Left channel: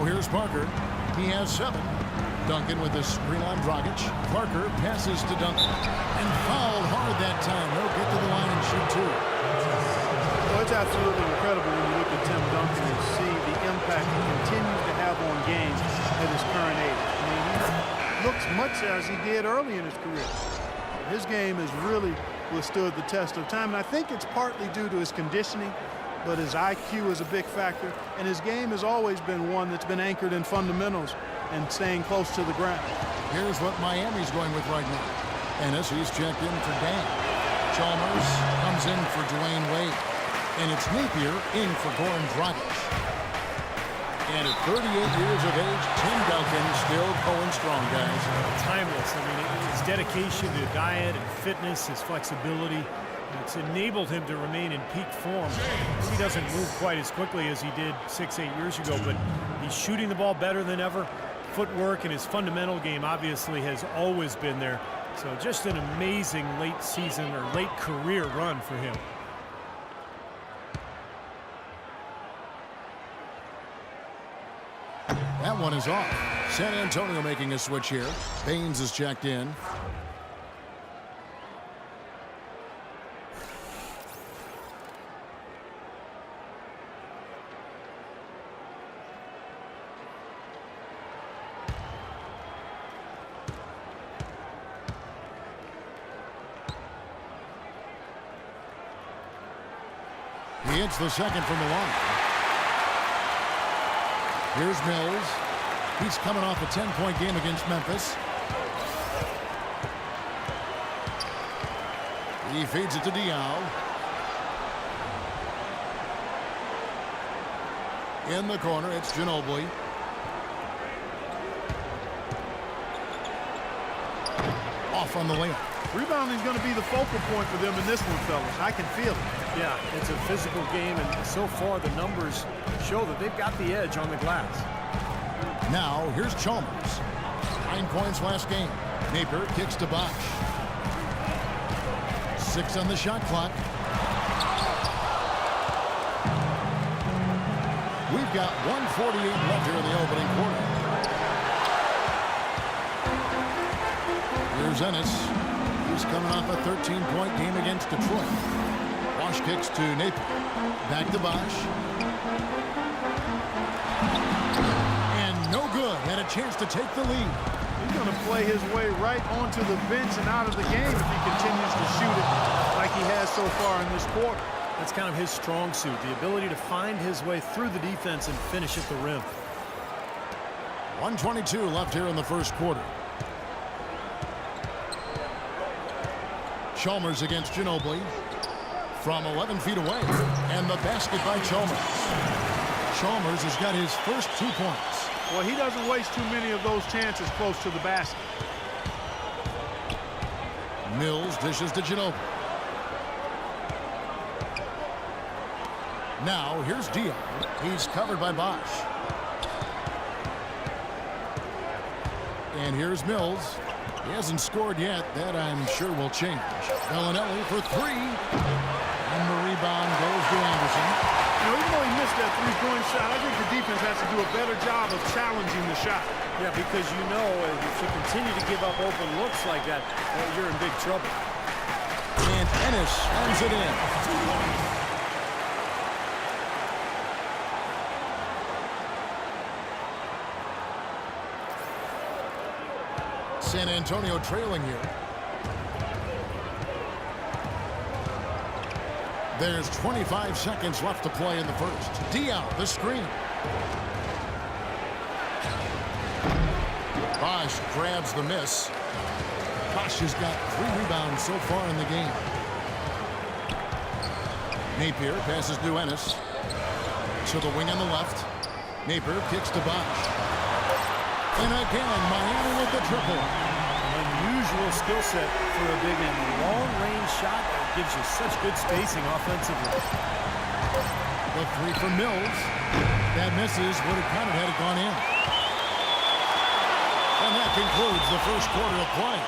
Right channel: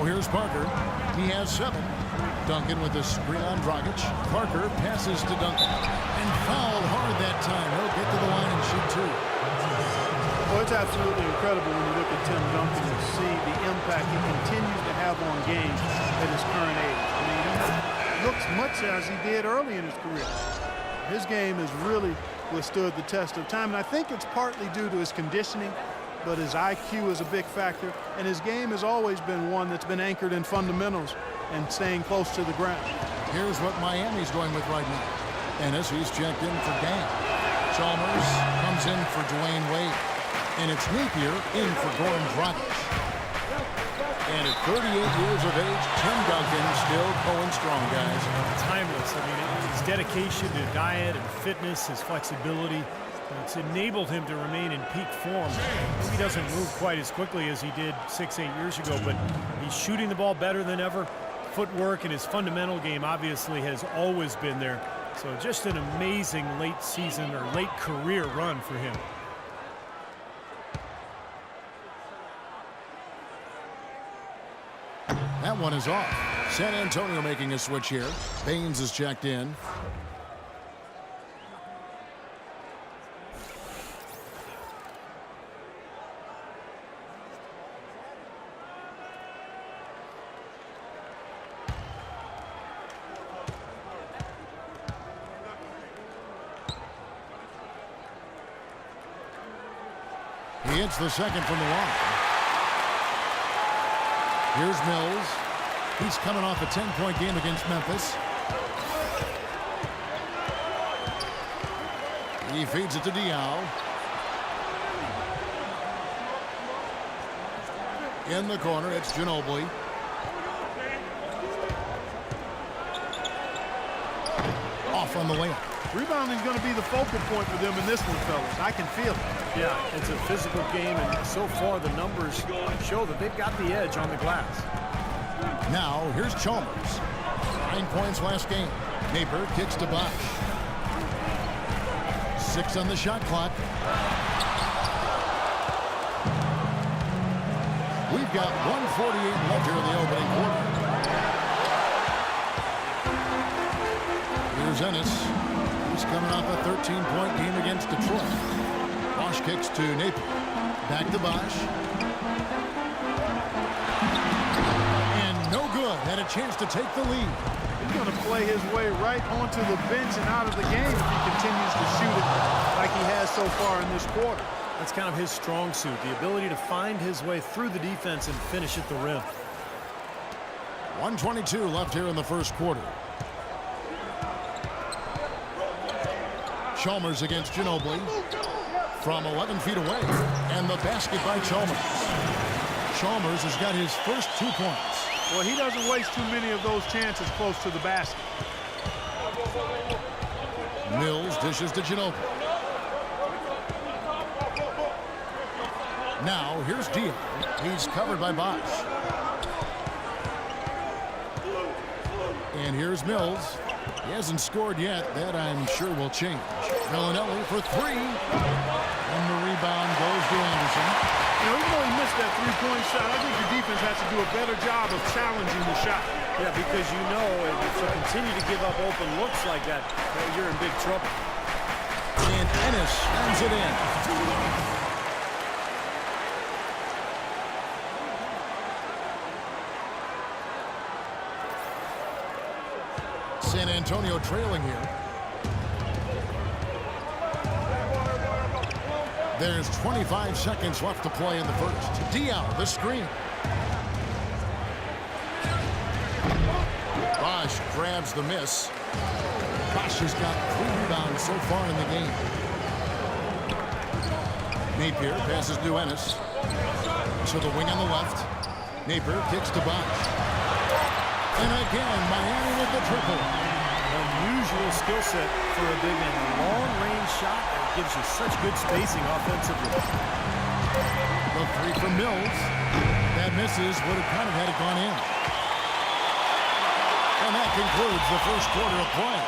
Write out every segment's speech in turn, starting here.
Now here's Parker. He has 7. Duncan with the screen on Dragic. Parker passes to Duncan. And fouled hard that time. He'll get to the line and shoot 2. Well, it's absolutely incredible when you look at Tim Duncan and see the impact he continues to have on games at his current age. I mean, he looks much as he did early in his career. His game has really withstood the test of time, and I think it's partly due to his conditioning, but his IQ is a big factor, and his game has always been one that's been anchored in fundamentals and staying close to the ground. Here's what Miami's going with right now. Ennis, he's checked in for Dan. Chalmers comes in for Dwayne Wade. And it's Napier in for Goran Dragic. And at 38 years of age, Tim Duncan still going strong, guys. Timeless. I mean, his dedication to diet and fitness, his flexibility, it's enabled him to remain in peak form. Maybe he doesn't move quite as quickly as he did 6-8 years ago, but he's shooting the ball better than ever. Footwork and his fundamental game obviously has always been there. So just an amazing late season or late career run for him. That one is off. San Antonio making a switch here. Baines is checked in. He hits the second from the line. Here's Mills. He's coming off a 10-point game against Memphis. He feeds it to Diaw. In the corner, it's Ginobili. Off on the layup. Rebounding is going to be the focal point for them in this one, fellas. I can feel it. Yeah, it's a physical game, and so far the numbers show that they've got the edge on the glass. Now, here's Chalmers. 9 points last game. Napier kicks to Bosch. 6 on the shot clock. We've got 1:48 left here in the opening quarter. Here's Ennis. He's coming off a 13-point game against Detroit. Bosch kicks to Napier. Back to Bosch. And no good. Had a chance to take the lead. He's going to play his way right onto the bench and out of the game if he continues to shoot it like he has so far in this quarter. That's kind of his strong suit, the ability to find his way through the defense and finish at the rim. 1:22 left here in the first quarter. Chalmers against Ginobili from 11 feet away, and the basket by Chalmers. Chalmers has got his first 2 points. Well, he doesn't waste too many of those chances close to the basket. Mills dishes to Ginobili. Now here's Diaw. He's covered by Bosch. And here's Mills. He hasn't scored yet. That, I'm sure, will change. Bellinelli for 3. And the rebound goes to Anderson. You know, even though he missed that three-point shot, I think the defense has to do a better job of challenging the shot. Yeah, because you know if you continue to give up open looks like that, you're in big trouble. And Ennis slams it in. San Antonio trailing here. There's 25 seconds left to play in the first. Diaw, the screen. Bosch grabs the miss. Bosch has got 3 rebounds so far in the game. Napier passes to Ennis. To the wing on the left. Napier kicks to Bosch. And again, Miami with the triple. An unusual skill set for a big man. A long-range shot that gives you such good spacing offensively. The 3 from Mills. That misses. Would have kind of had it gone in. And that concludes the first quarter of play.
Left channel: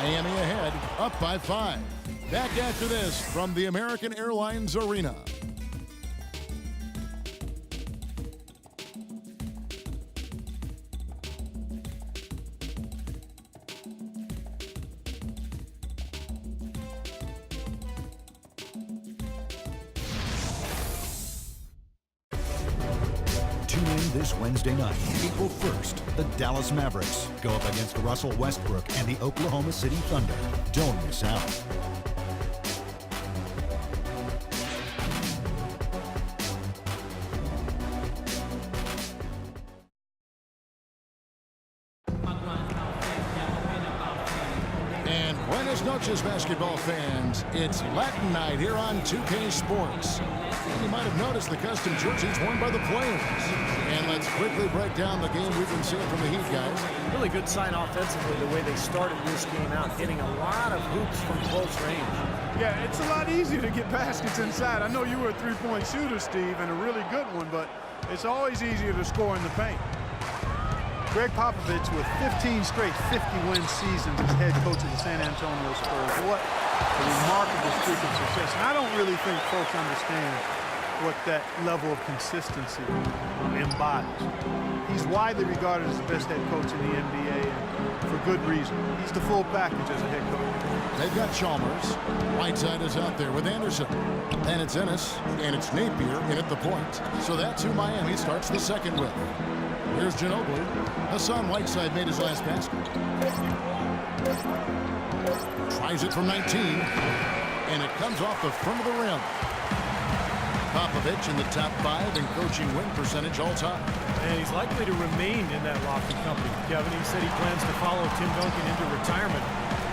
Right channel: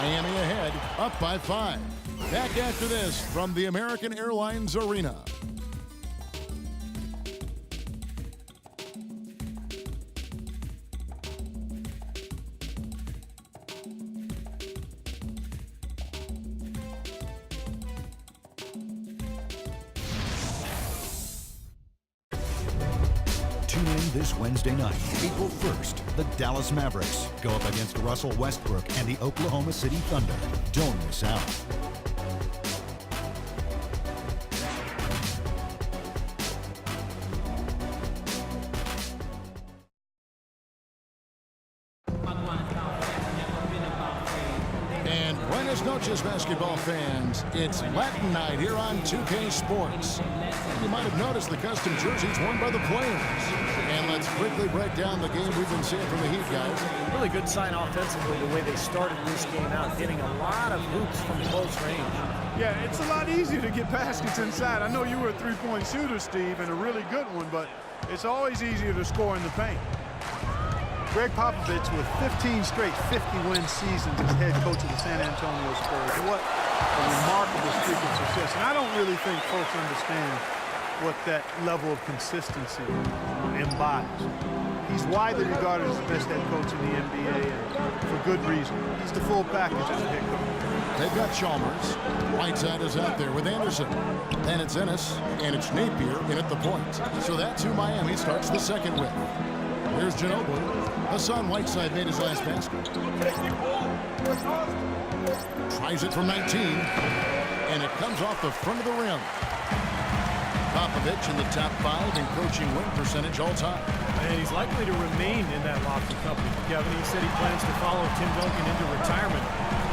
Miami ahead, up by 5. Back after this from the American Airlines Arena. this Wednesday night, April 1st, the Dallas Mavericks go up against Russell Westbrook and the Oklahoma City Thunder. Don't miss out. And buenas noches, basketball fans. It's Latin night here on 2K Sports. And you might have noticed the custom jerseys worn by the players. And let's quickly break down the game we've been seeing from the Heat, guys. Really good sign offensively the way they started this game out, hitting a lot of hoops from close range. Yeah, it's a lot easier to get baskets inside. I know you were a three-point shooter, Steve, and a really good one, but it's always easier to score in the paint. Greg Popovich with 15 straight 50-win seasons as head coach of the San Antonio Spurs. What a remarkable streak of success. And I don't really think folks understand what that level of consistency embodies. He's widely regarded as the best head coach in the NBA, and for good reason. He's the full package as a head coach. They've got Chalmers. Whiteside is out there with Anderson. Then it's Ennis, and it's Napier in at the point. So that's who Miami starts the second with. Here's Ginobili. Hassan Whiteside made his last basket. Tries it from 19, and it comes off the front of the rim. Popovich in the top 5 in coaching win percentage all time. And he's likely to remain in that lofty company. Kevin, he said he plans to follow Tim Duncan into retirement.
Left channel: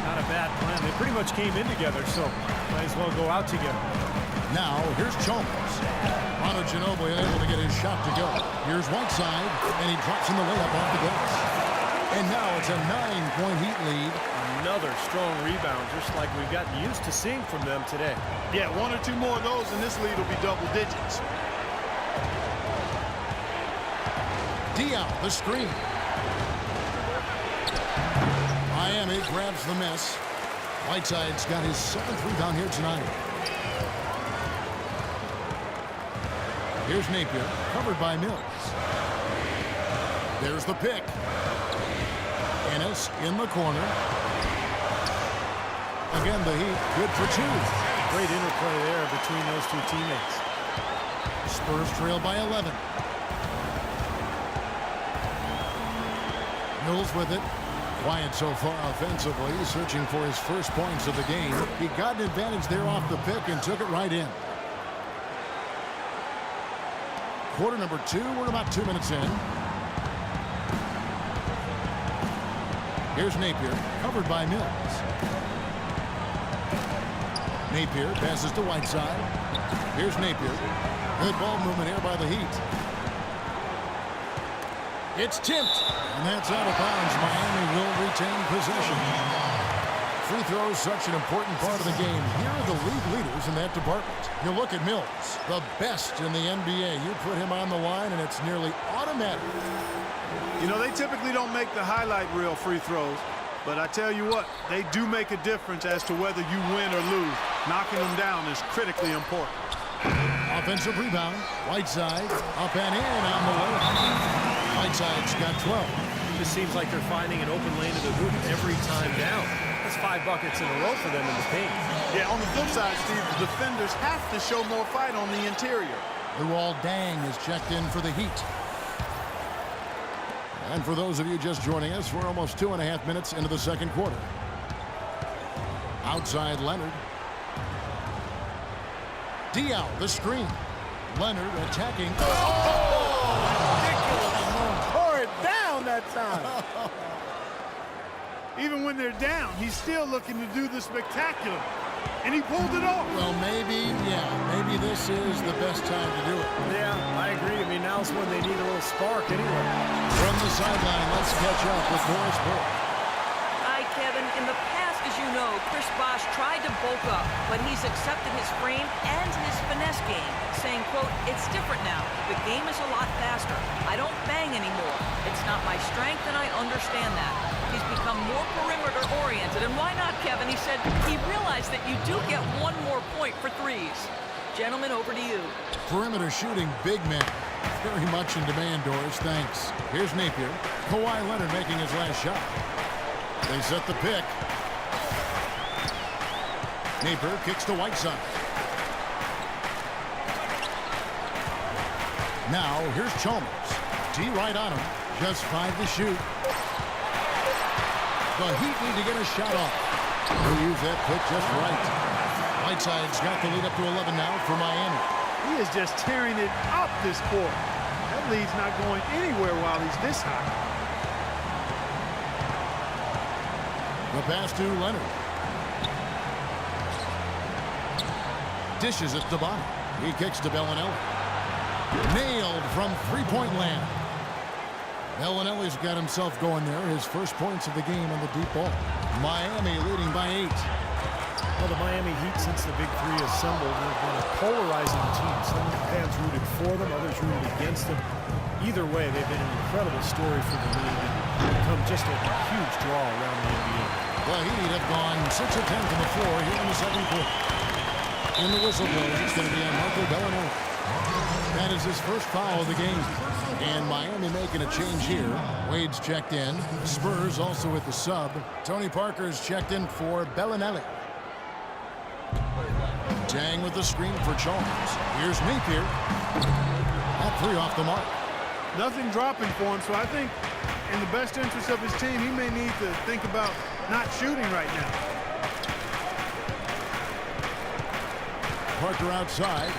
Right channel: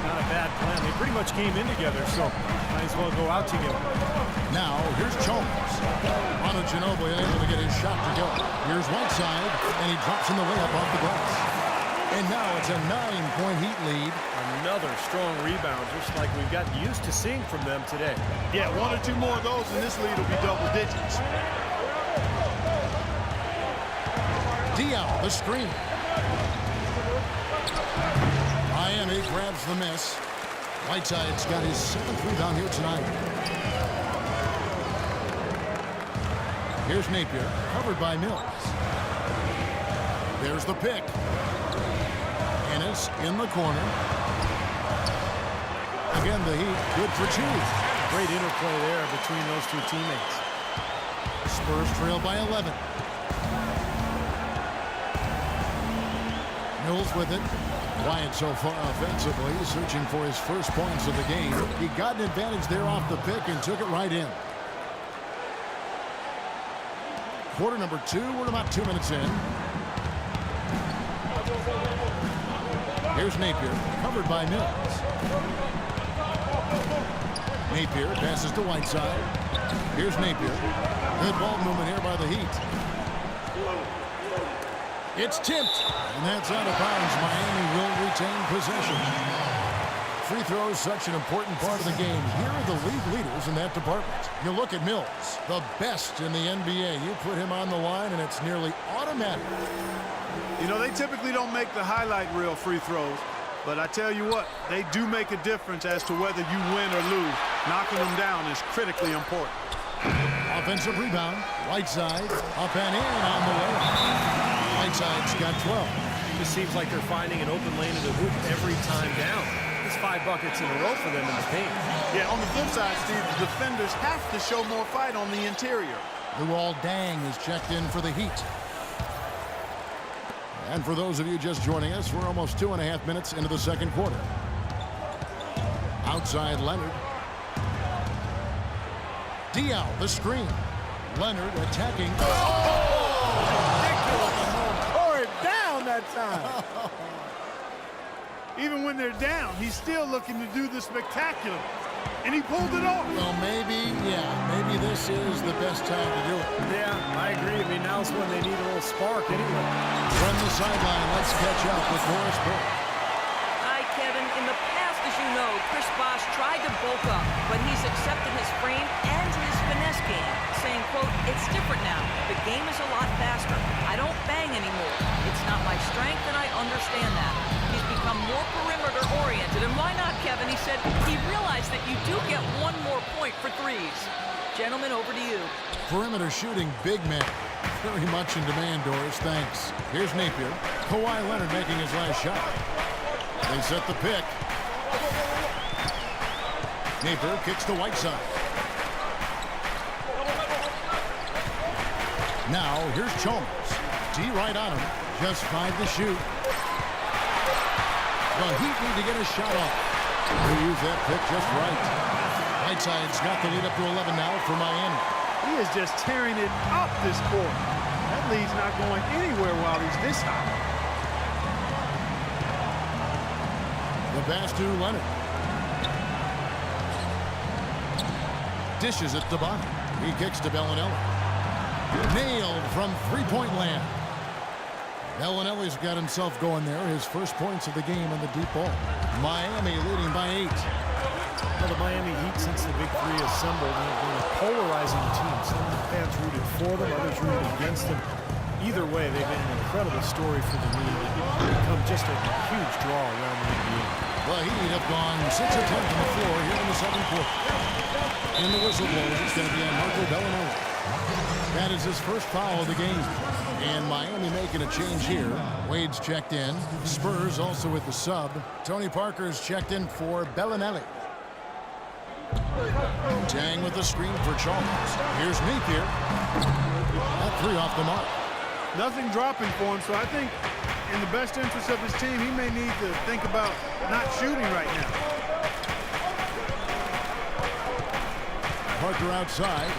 Not a bad plan. They pretty much came in together, so might as well go out together. Now, here's Chalmers. Manu Ginobili able to get his shot to go. Here's Whiteside, and he drops in the layup off the glass. And now it's a 9-point Heat lead. Another strong rebound, just like we've gotten used to seeing from them today. Yeah, one or two more of those, and this lead will be double digits. Diaw, the screen. Miami grabs the miss. Whiteside's got his 7th rebound here tonight. Here's Napier, covered by Mills. There's the pick. Ennis in the corner. Again, the Heat good for 2. Great interplay there between those two teammates. Spurs trail by 11. Mills with it. Quiet so far offensively, searching for his first points of the game. He got an advantage there off the pick and took it right in. Quarter number 2, we're about 2 minutes in. Here's Napier, covered by Mills. Napier passes to Whiteside. Here's Napier. Good ball movement here by the Heat. It's tipped, and that's out of bounds. Miami will retain possession. Free throws, such an important part of the game. Here are the league leaders in that department. You look at Mills, the best in the NBA. You put him on the line, and it's nearly automatic. You know, they typically don't make the highlight reel free throws, but I tell you what, they do make a difference as to whether you win or lose. Knocking them down is critically important. Offensive rebound. Whiteside up and in on the layup. Whiteside's got 12. This seems like they're finding an open lane to the hoop every time down. That's 5 buckets in a row for them in the paint. Yeah, on the flip side, Steve, the defenders have to show more fight on the interior. Luol Deng is checked in for the Heat. And for those of you just joining us, we're almost 2.5 minutes into the second quarter. Outside Leonard. Diaw, the screen. Leonard attacking. Oh, ridiculous move. Tore it down that time. Even when they're down, he's still looking to do the spectacular. And he pulled it off. Well, maybe this is the best time to do it. Yeah, I agree. I mean, now's when they need a little spark anyway. From the sideline, let's catch up with Doris Burke. Hi, Kevin. In the past, as you know, Chris Bosh tried to bulk up, but he's accepted his frame and his finesse game, saying, quote, "It's different now. The game is a lot faster. I don't bang anymore. It's not my strength, and I understand that." He's become more perimeter-oriented, and why not, Kevin? He said he realized that you do get one more point for threes. Gentlemen, over to you. Perimeter shooting, big man. Very much in demand, Doris. Thanks. Here's Napier. Kawhi Leonard making his last shot. They set the pick. Napier kicks to Whiteside. Now, here's Chalmers. D right on him. Just 5 to shoot. The Heat need to get a shot off. They use that pick just right. Whiteside's got the lead up to 11 now for Miami. He is just tearing it up this quarter. That lead's not going anywhere while he's this high. The pass to Leonard. Dishes it to Bonner. He kicks to Bellinelli. Nailed from three-point land. Bellinelli's got himself going there. His first points of the game on the deep ball. Miami leading by 8. Well, the Miami Heat, since the Big Three assembled, have been a polarizing team. Some fans rooted for them, others rooted against them. Either way, they've been an incredible story for the league and become just a huge draw around the NBA. The Heat have gone 6 of 10 from the floor here in the second quarter. In the whistle blows, it's going to be on Marco Bellinelli. That is his first foul of the game. And Miami making a change here. Wade's checked in. Spurs also with the sub. Tony Parker's checked in for Bellinelli. Tang with the screen for Chalmers. Here's Napier. That 3 off the mark. Nothing dropping for him, so I think in the best interest of his team, he may need to think about not shooting right now. Parker outside.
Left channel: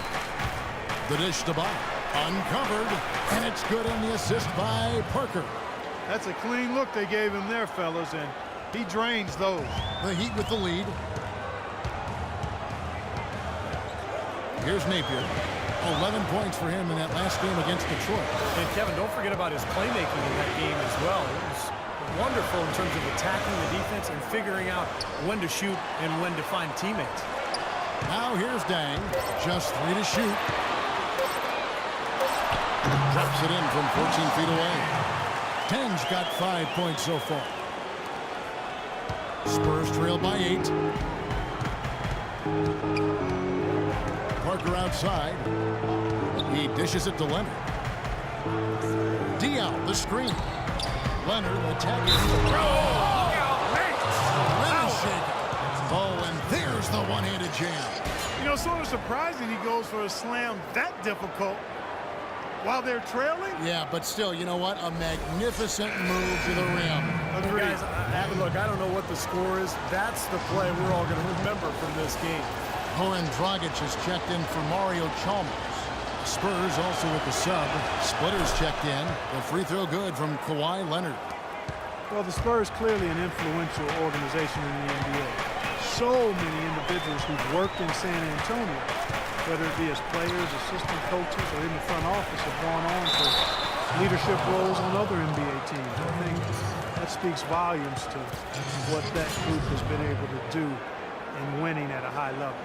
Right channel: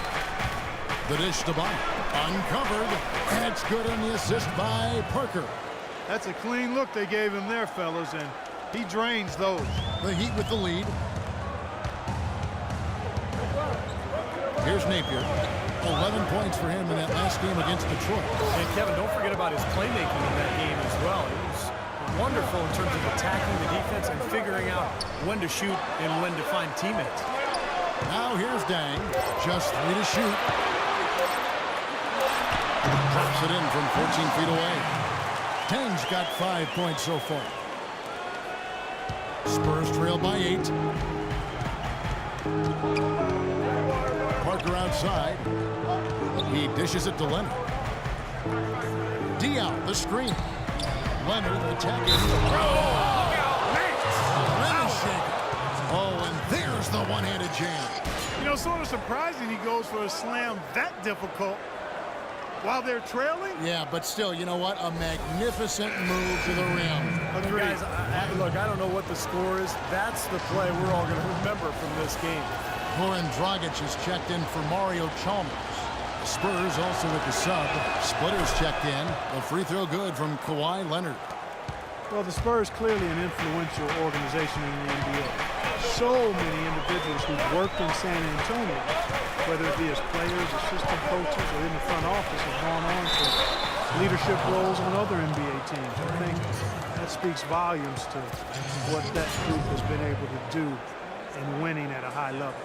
The dish to Bonner. Uncovered. And it's good on the assist by Parker. That's a clean look they gave him there, fellas, and he drains those. The Heat with the lead. Here's Napier. 11 points for him in that last game against Detroit. And Kevin, don't forget about his playmaking in that game as well. He was wonderful in terms of attacking the defense and figuring out when to shoot and when to find teammates. Now here's Dang. Just 3 to shoot. Drops it in from 14 feet away. Dang's got 5 points so far. Spurs trail by 8. Parker outside. He dishes it to Leonard. D out the screen. Leonard attacking. Oh, look out, Max! Rim is shaking. Oh, and there's the one-handed jam. You know, sort of surprising he goes for a slam that difficult while they're trailing. Yeah, but still, you know what? A magnificent move to the rim. Agreed. Guys, look, I don't know what the score is. That's the play we're all going to remember from this game. Goran Dragic is checked in for Mario Chalmers. Spurs also with the sub. Splitters checked in. The free throw good from Kawhi Leonard. Well, the Spurs clearly an influential organization in the NBA. So many individuals who've worked in San Antonio, whether it be as players, assistant coaches, or in the front office, have gone on to leadership roles on other NBA teams. I think that speaks volumes to what that group has been able to do in winning at a high level.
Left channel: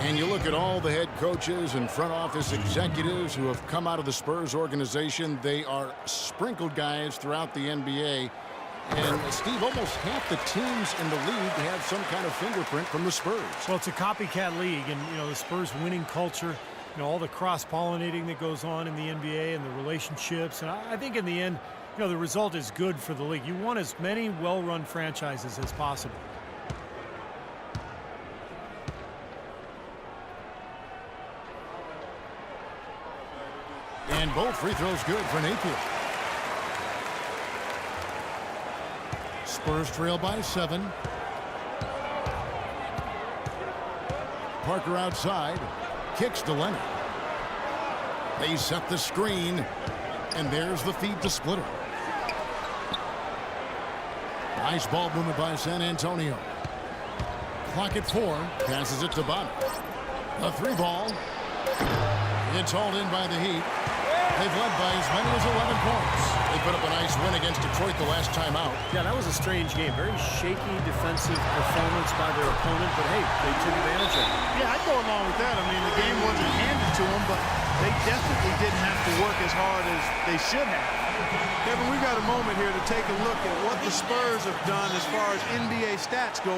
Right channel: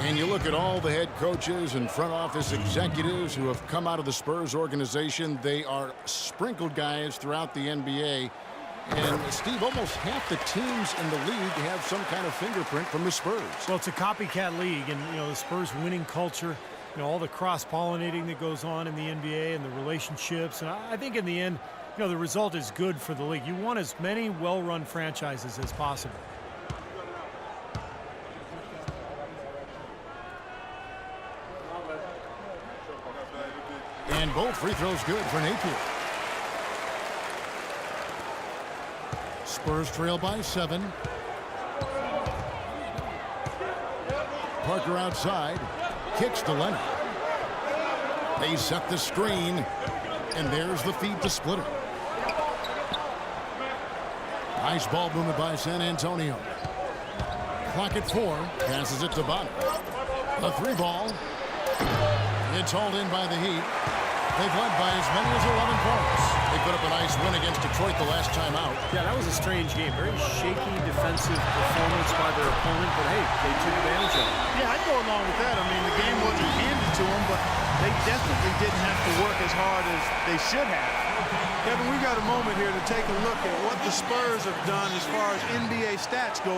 And you look at all the head coaches and front office executives who have come out of the Spurs organization. They are sprinkled guys throughout the NBA. And, Steve, almost half the teams in the league have some kind of fingerprint from the Spurs. Well, it's a copycat league, and, you know, the Spurs winning culture, you know, all the cross-pollinating that goes on in the NBA and the relationships. And I think in the end, you know, the result is good for the league. You want as many well-run franchises as possible. And both free throws good for Napier. Spurs trail by 7. Parker outside. Kicks to Leonard. They set the screen. And there's the feed to Splitter. Nice ball movement by San Antonio. Clock at 4. Passes it to Bonner. A 3 ball. It's hauled in by the Heat. They've led by as many as 11 points. They put up a nice win against Detroit the last time out. Yeah, that was a strange game. Very shaky defensive performance by their opponent, but hey, they took advantage of it. Yeah, I'd go along with that. I mean, the game wasn't handed to them, but they definitely didn't have to work as hard as they should have. Kevin, we've got a moment here to take a look at what the Spurs have done as far as NBA stats go